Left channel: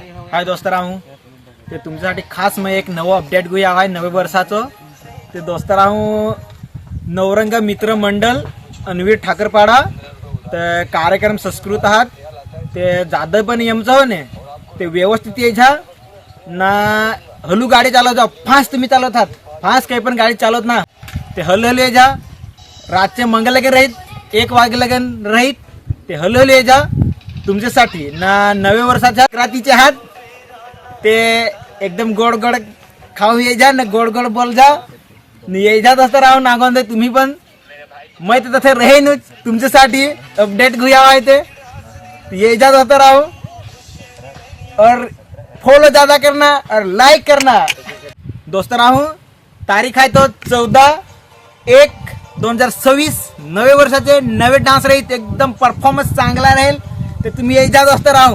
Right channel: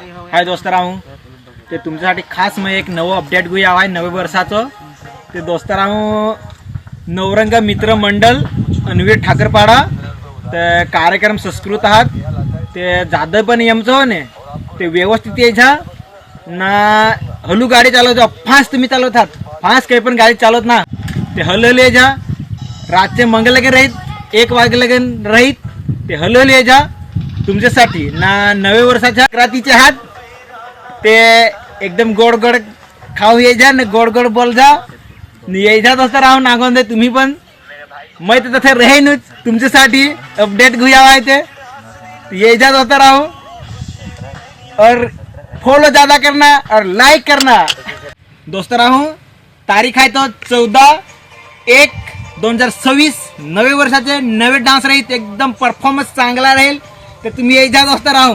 हाय दोस्तराव ते तुमच्यासाठी खास मग एक नवं अपडेट घेऊया आहे नवे वर्षाचं ते दोस्तराव नवरंग मित्र मंडळ अनवीर ठाकरपाडा तर कार्यक्रम संस्कृत आहात ते जादव पण यमचं हो ने ते व्यवस्थित यायच्या ना हलू गाडी चालवता फास्ट तुम्ही चालवतात फास्ट काही पण गाडी चालवत ना ते हलहल यायच्या रातचे मंगल लगे राहीत 1 वाजे लगन राहीत ते हलहल यायच्या तुमच्यासाठी ना नवे वर्षाच्या रात्रीचे आहात ते एकदम गोड गोड खाऊ यायच्या ना गोड गोड बोल जा यायच्यात असं राहू नागोंद तुम्ही पण मैं तो तसं रहेनच तुमच्यासाठी अपडेट घेऊया आहे ते यायच्यात असं राहू और फॉलो ज्यादा करना और लाइक करना दोस्तों राहू तारीख आहे तो 14/1/2026 नवे वर्षाचे नवे डान्स राहील एकदम परफॉर्मन्स चांगला राहील तर तुम्ही यायच्यात असं राहू